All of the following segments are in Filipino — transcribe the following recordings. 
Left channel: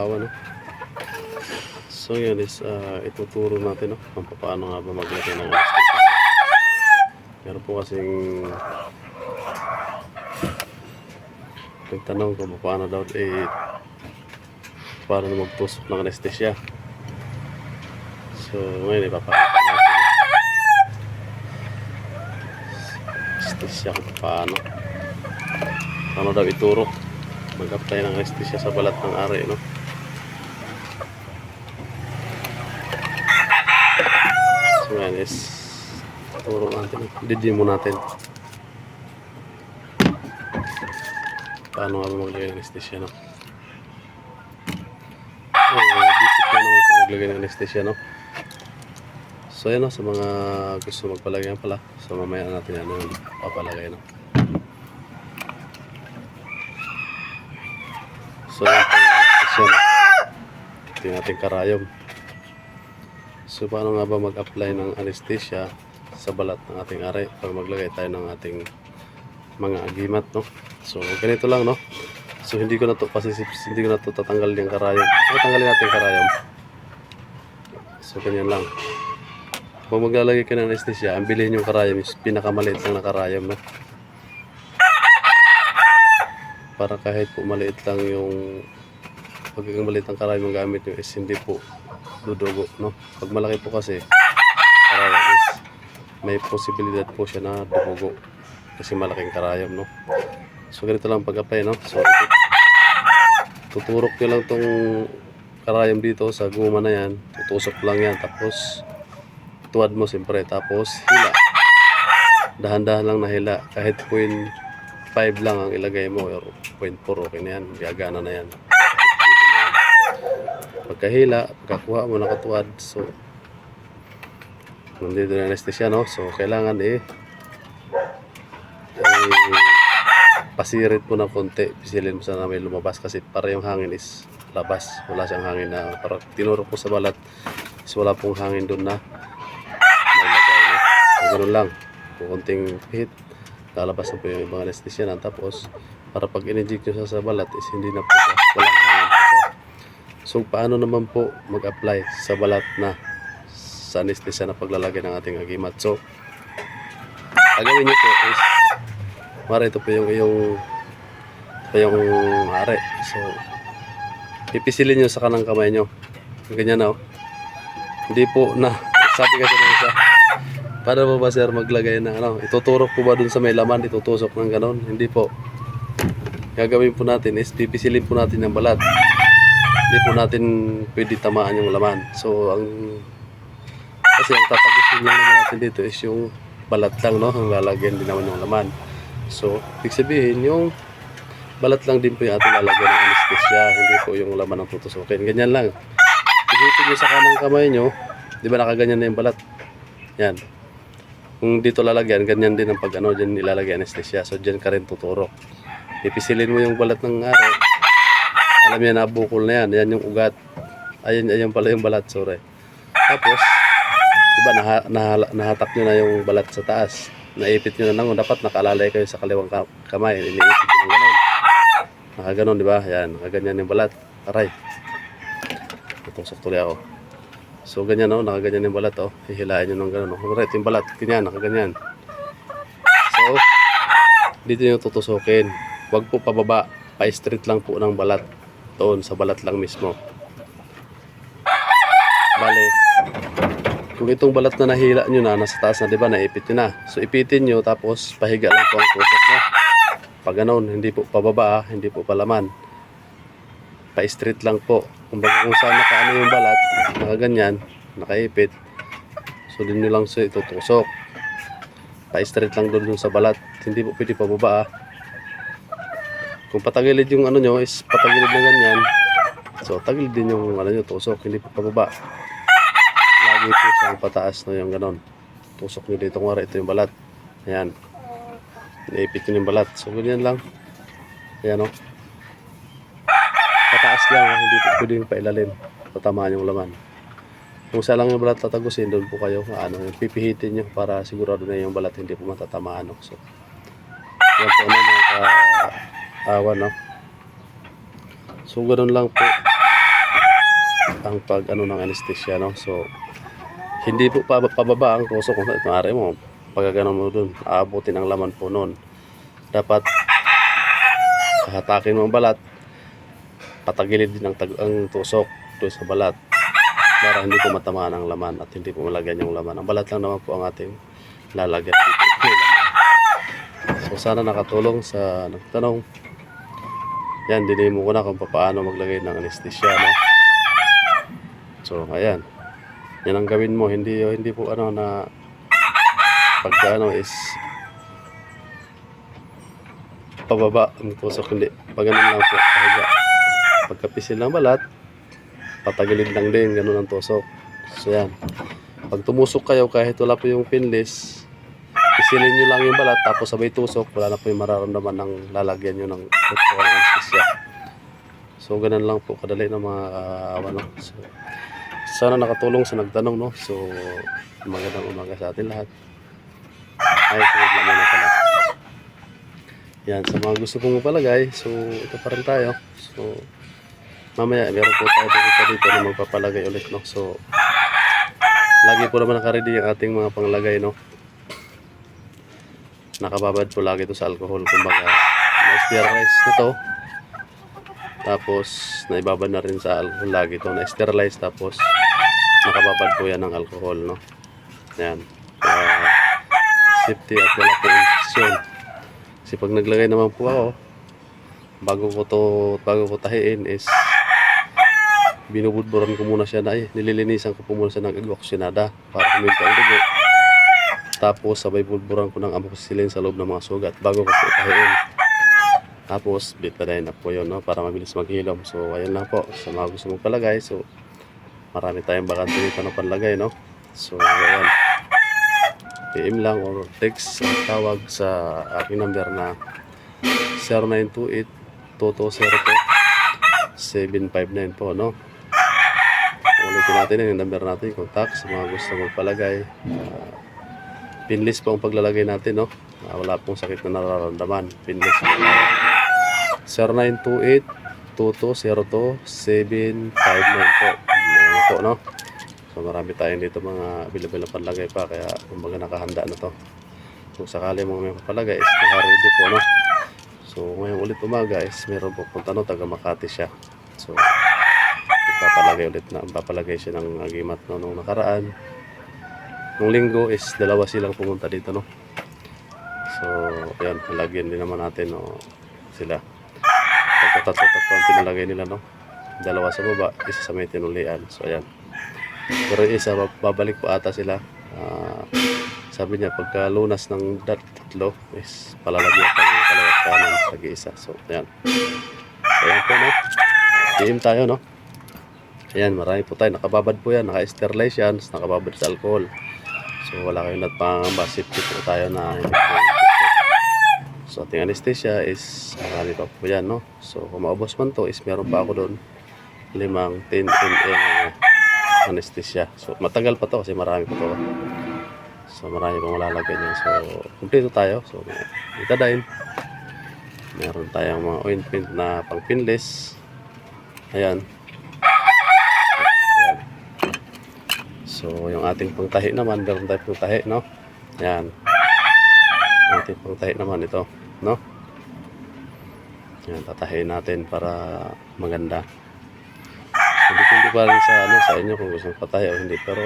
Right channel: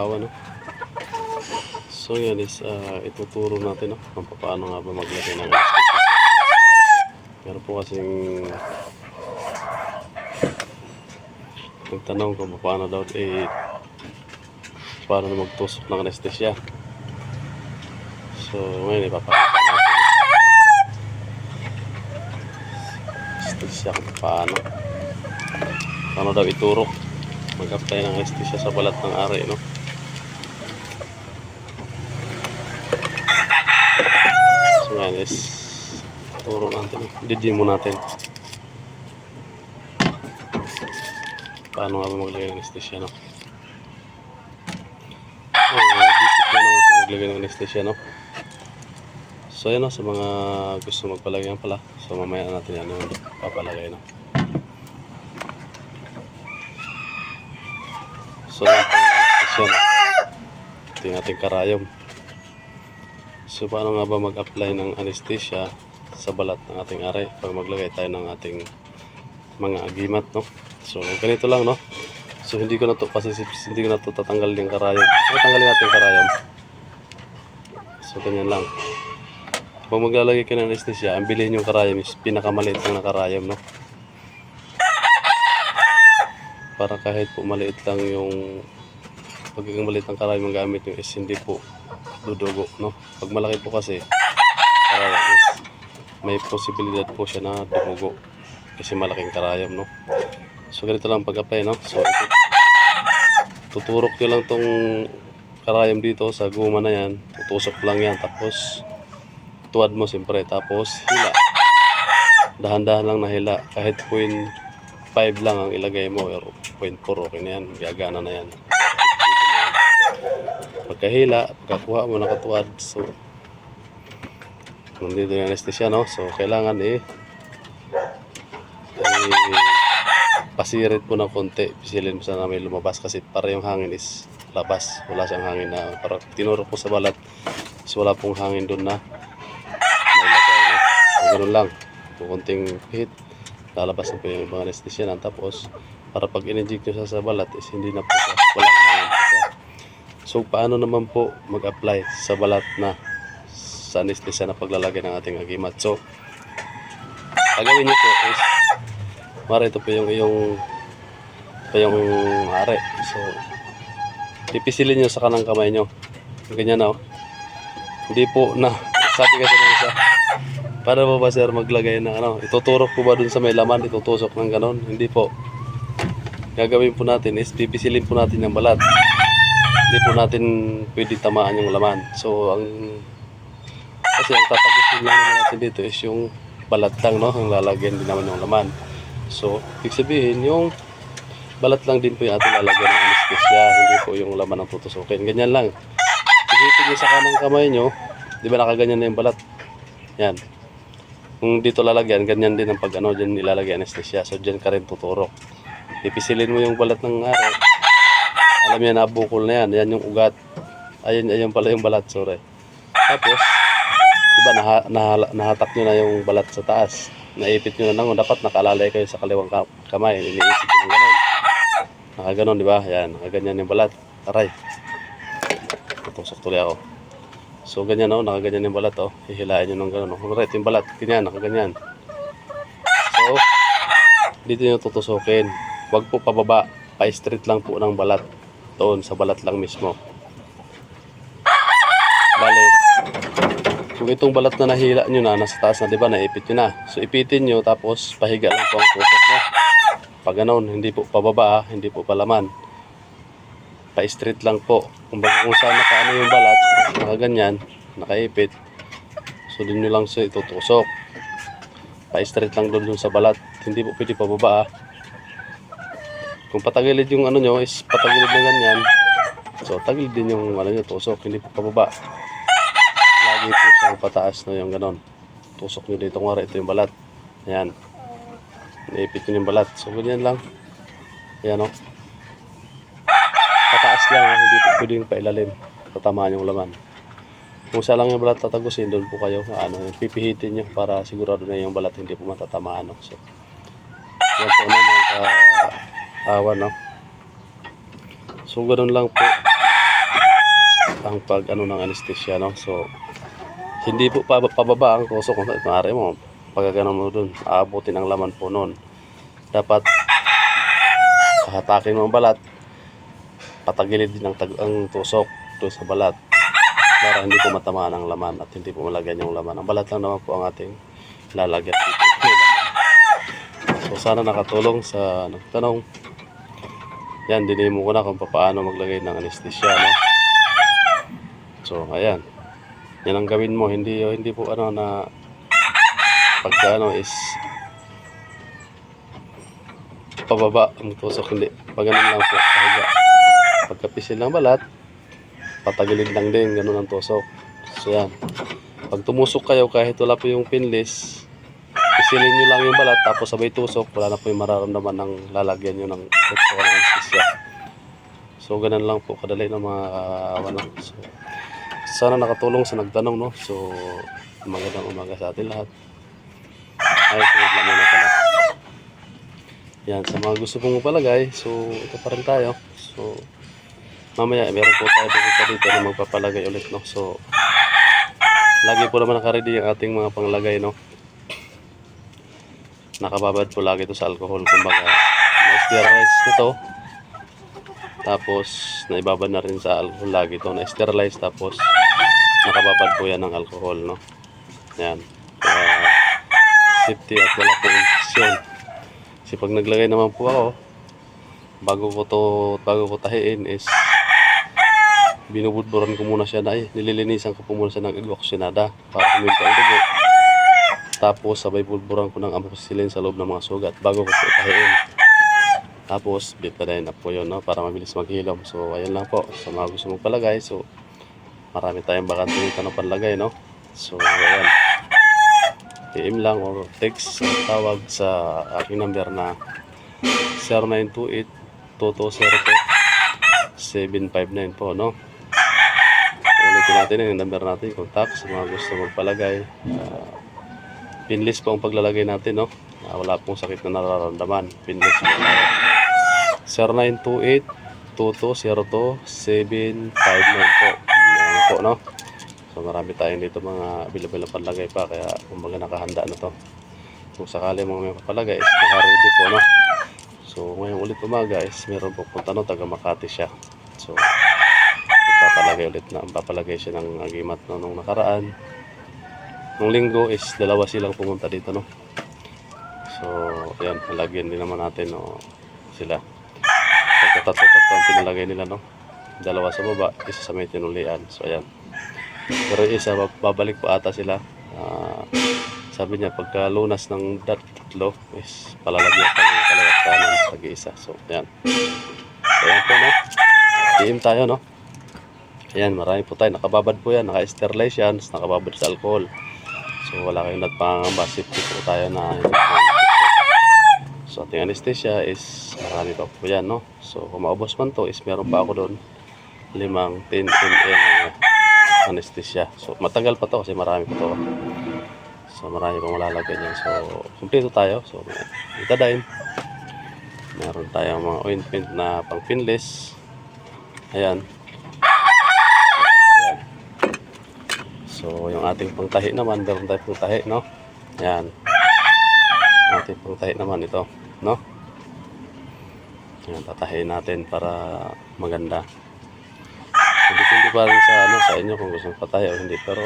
nakakaawa no. So yan is uh, ituturo natin no kung paano nga ba maglagay ng anesthesia. Meron po kasing nagtanong kung paano daw eh paano magtusok ng anesthesia. So ngayon ipapakita natin anesthesia kung paano. Paano daw ituro mag-apply ng anesthesia sa balat ng ari no. So yan is turo natin. Didin mo natin. Paano nga maglagay ng anesthesia no? So, basic na naman maglagay ng anesthesia no? So yan no, sa mga gusto magpalagay pala. So mamaya na natin ano yung papalagay no. So anesthesia no. Ito yung karayom. So paano nga ba mag-apply ng anesthesia sa balat ng ating ari pag maglagay tayo ng ating mga agimat no. So ganito lang no. So hindi ko na to kasi hindi ko na to tatanggal yung karayom. So tanggalin natin yung karayom. So ganyan lang. Kung maglalagay ka ng anesthesia, ang bilhin yung karayom is pinakamaliit lang na karayom no. Para kahit po maliit lang yung pagiging maliit ang karayom ang gamit nyo is hindi po dudugo no. Pag malaki po kasi karayom is may posibilidad po siya na dumugo kasi malaking karayom no. So ganito lang pag-apply no. So ito, tuturok nyo lang tong karayom dito sa guma na yan. Tutusok lang yan tapos tuwad mo siyempre tapos hila. Dahan-dahan lang na hila kahit 0.5 lang ang ilagay mo or 0.4 okay na yan. Gagana na yan. Pagkahila, pagkakuha mo nakatuwad so nandito na anesthesia no. So kailangan eh ay pasirit mo ng konti. Pisilin mo sana may lumabas kasi para yung hangin is labas. Wala siyang hangin na para tinurok mo sa balat is wala pong hangin doon na may lagay. No? So, ganun lang. Kukunting hit. Lalabas na po yung ibang anesthesia na. Tapos para pag in-inject nyo sa balat is hindi na po siya. Walang hangin po. So paano naman po mag-apply sa balat na sa anesthesia na paglalagay ng ating agimat. So, gagawin nyo po is Mara, ito po yung iyong ito yung are. So, pipisilin nyo sa kanang kamay nyo. Ganyan na, oh. Hindi po na, sabi kasi ng isa, paano po ba sir maglagay ng ano, ituturok po ba dun sa may laman, itutusok ng ganon? Hindi po. Gagawin po natin is pipisilin po natin yung balat. Hindi po natin pwede tamaan yung laman. So, ang kasi ang tatagusin lang naman natin dito is yung balat lang, no? Ang lalagyan din naman ng laman. So, ibig sabihin, yung balat lang din po yung ating lalagyan ng anesthesia, hindi po yung laman ng tutusukin. Ganyan lang. Pihitin nyo sa kanang kamay nyo, di ba nakaganyan na yung balat? Yan. Kung dito lalagyan, ganyan din ang pag ano, dyan nilalagay anesthesia. So, dyan ka rin tuturo. Ipisilin mo yung balat ng ari. Alam yan, nabukol na yan. Yan yung ugat. Ayun, ayun pala yung balat, sorry. Tapos, Diba, naha, nahala, nahatak nyo na yung balat sa taas. Naipit nyo na nang dapat nakalalay kayo sa kaliwang ka- kamay. Iniipit nyo ng ganun. Nakaganon, di ba? Yan, nakaganyan yung balat. Aray. Tutusok tuloy ako. So, ganyan, oh, nakaganyan yung balat, oh. Hihilain nyo ng ganun. Oh. Right, yung balat. Ganyan, nakaganyan. So, dito nyo tutusukin. Huwag po pababa. Pa-straight lang po ng balat. Doon, sa balat lang mismo. Bale, kung itong balat na nahila nyo na, nasa taas na, di ba, naipit nyo na. So, ipitin nyo, tapos pahiga lang po ang tusok nyo. Pag ganun, hindi po pababa, ah, hindi po palaman. Pa-straight lang po. Kung baga kung saan nakaano yung balat, nakaganyan, nakaipit, so doon nyo lang siya itutusok. Pa-straight lang doon sa balat. Hindi po pwede pababa. ah. Kung patagilid yung ano nyo, is patagilid na ganyan. So, tagilid din yung ano nyo, tusok, hindi po pababa po siyang pataas na yung ganon. Tusok nyo dito nga ito yung balat. Ayan. Naipit nyo yung balat. So, ganyan lang. Ayan o. Pataas lang. ah. Hindi pwede yung pailalim. Tatamaan yung laman. Kung saan lang yung balat tatagusin, doon po kayo ano, pipihitin nyo para sigurado na yung balat hindi po matatamaan. No? So, yan po na mga ka-awan. No? So, ganun lang po. ang pag ano ng anesthesia no. So hindi po pa, pababa ang tusok maaari mo pag ganun mo dun aabutin ang laman po noon. Dapat kahatakin mo ang balat patagilid din ang, tag ang tusok doon sa balat para hindi po matamaan ang laman at hindi po malagyan yung laman. Ang balat lang naman po ang ating lalagyan dito. So sana nakatulong sa nagtanong. Yan, dinimo ko na kung paano maglagay ng anesthesia. No? So, ayan. Yan ang gawin mo. Hindi, hindi po ano na pagka ano is pababa ang tusok. Hindi. Pag ganun lang po. Pahiga. Pagkapisil ng balat, patagilid lang din. Ganun ang tusok. So, yan. Pag tumusok kayo kahit wala po yung pinless, Pisilin nyo lang yung balat tapos sabay tusok, wala na po yung mararamdaman ng lalagyan nyo ng doktor ng. So ganun lang po kadali ng mga uh, ano. So, sana nakatulong sa nagtanong no. So magandang umaga sa atin lahat. Ay, sunod lang muna pala. Yan, sa mga gusto pong mapalagay, so ito pa rin tayo. So mamaya meron po tayo pupunta dito na magpapalagay ulit no. So lagi po naman nakaready ang ating mga panglagay no nakababad po lagi ito sa alcohol kumbaga na-sterilize na to tapos naibabad na rin sa alcohol lagi ito na-sterilize tapos nakababad po yan ng alcohol no yan Kaya, safety at wala po infection kasi pag naglagay naman po ako bago ko to bago ko tahiin is binubudburan ko muna siya na eh, nililinisan ko po muna siya ng egoksyenada para kuminta ang dugo tapos sabay bulburan ko ng amoxicillin sa loob ng mga sugat bago ko po itahiin. Tapos betadine na po yun no, para mabilis maghilom. So ayun lang po sa mga gusto mong palagay. So marami tayong bakante dito na panlagay no. So ayan. PM lang or text o tawag sa aking number na 0928 2202 759 po no. Ulitin natin yung number natin, contact sa mga gusto magpalagay. Uh, pinless po ang paglalagay natin, no? Ah, wala pong sakit na nararamdaman. Pinless po. 0928-2202-759 po. Ayan po, no? So, marami tayong dito mga available na panlagay pa. Kaya, kumbaga nakahanda na to. Kung sakali mga may papalagay, is naka-ready po, no? So, ngayong ulit umaga is meron po punta, no? Taga Makati siya. So, papalagay ulit na papalagay siya ng agimat no, nung nakaraan nung linggo is dalawa silang pumunta dito no so ayan palagyan din naman natin no, sila pagkatatlo-tatlo ang pinalagay nila no dalawa sa baba isa sa may tinulian so ayan pero isa babalik pa ata sila Ah, sabi niya pagka lunas ng dat- tatlo is palalagyan pa yung kalawat kanan tag-iisa so ayan so ayan po no PM tayo no Ayan, marami po tayo. Nakababad po yan. Naka-sterilize yan. Nakababad sa alcohol. So, wala kayong nagpangamba. Safety po tayo na. So, ating anesthesia is marami pa po yan, no? So, kung maubos man to is meron pa ako doon limang 10 ml anesthesia. So, matagal pa to kasi marami pa to. So, marami pang malalagay niyan. So, kumpleto tayo. So, betadine. Meron tayong mga ointment na pang pinless. Ayan. So, yung ating pangtahi naman, meron tayong pangtahi, no? Ayan. Ating pangtahi naman ito, no? Ayan, tatahiin natin para maganda. Hindi pa rin sa, ano, sa inyo kung gusto patahi o hindi. Pero,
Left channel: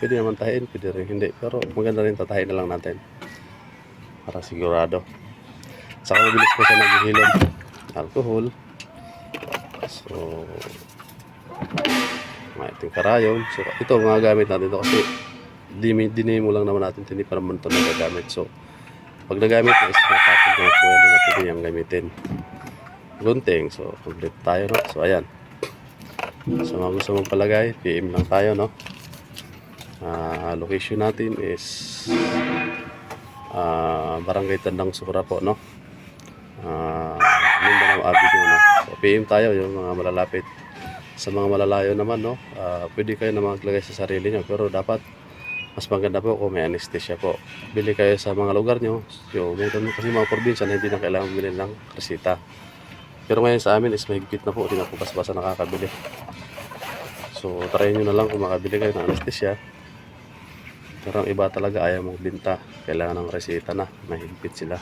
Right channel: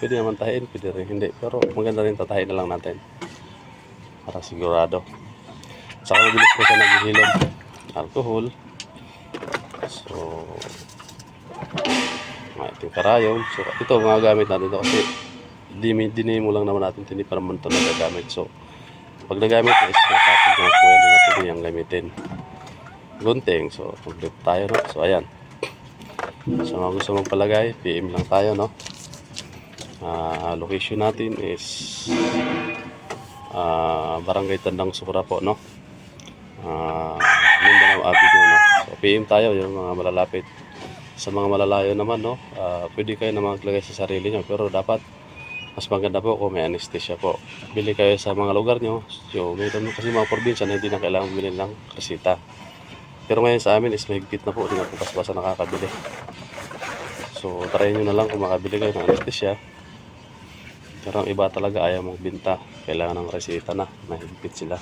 pwede naman tahiin, pwede rin hindi. Pero, maganda rin tatahiin na lang natin. Para sigurado. Saka mabilis po siya naghihilom. Alcohol. So, mga iting karayom. So, ito mga gamit natin ito kasi dini, dini mo lang naman natin, hindi pa naman ito nagagamit. So, pag nagamit na is natapon ko na po yan na pwede niyang gamitin. Gunting. So, complete tayo, no? So, ayan. So, mga gusto mong palagay, PM lang tayo, no? Ah, location natin is ah, Barangay Tandang Sura po, no? Ah, Mindanao Avenue, no? So, PM tayo, yung mga malalapit sa mga malalayo naman no ah, pwede kayo na maglagay sa sarili nyo pero dapat mas maganda po kung may anesthesia po bili kayo sa mga lugar nyo so meron kasi mga probinsya na hindi na kailangan bumili ng resita pero ngayon sa amin is mahigpit na po hindi na po basta nakakabili So, try nyo na lang kung makabili kayo ng anesthesia. Pero ang iba talaga ayaw magbinta. Kailangan ng reseta na. Mahigpit sila.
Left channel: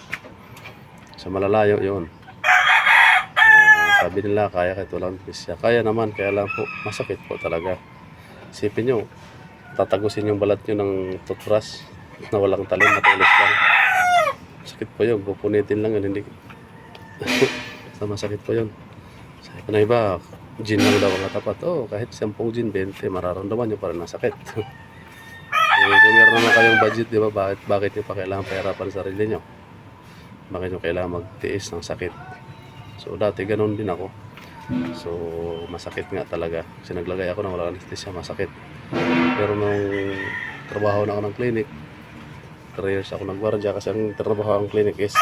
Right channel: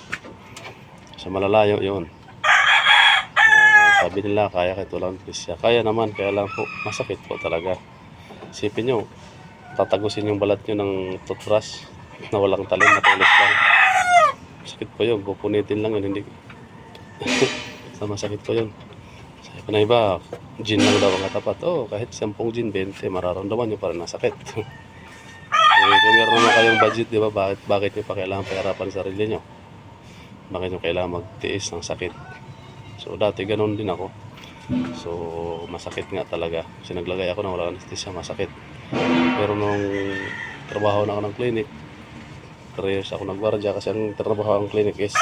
Sa malalayo yun. Ah, sabi nila, kaya kahit walang anesthesia. Kaya naman, kaya lang po, masakit po talaga. Isipin nyo, tatagusin yung balat nyo ng toothbrush na walang talim, matulis lang. Sakit po yun, pupunitin lang yun, hindi. sa masakit po yun. Sabi ko na iba, gin lang daw ang katapat. Oh, kahit 10 gin, 20, mararamdaman nyo pa rin na sakit. eh, kung meron naman kayong budget, di ba, bakit, bakit nyo pa kailangan pahirapan sa sarili nyo? Bakit nyo kailangan magtiis ng sakit? So, dati ganun din ako. So, masakit nga talaga. Kasi naglagay ako ng walang anesthesia, masakit. Pero nung trabaho na ako ng clinic, 3 years ako nagwardya kasi ang trabaho ng clinic is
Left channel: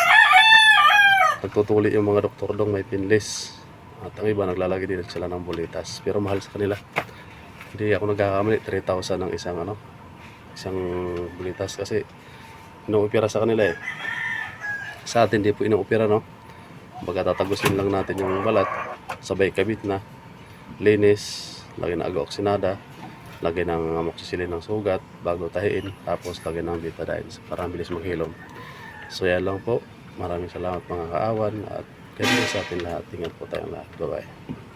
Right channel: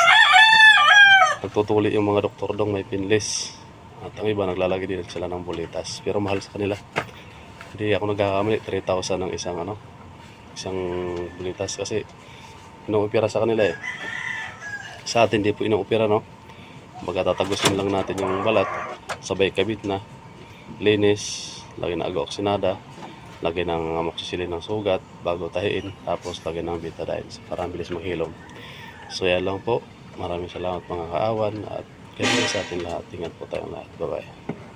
nagtutuli yung mga doktor dong may pinless. At ang iba naglalagay din sila ng bulitas. Pero mahal sa kanila. Hindi ako nagkakamali, 3,000 ng isang ano, isang bulitas kasi inuupira sa kanila eh. Sa atin di po inuupira no. Baga tatagusin lang natin yung balat, sabay kabit na, linis, lagay na aga-oksinada, lagay ng amoxicillin ng sugat bago tahiin, tapos lagay ng betadine para bilis maghilom. So yan lang po. Maraming salamat mga kaawan at kayo sa atin lahat. Ingat po tayong lahat. Bye-bye.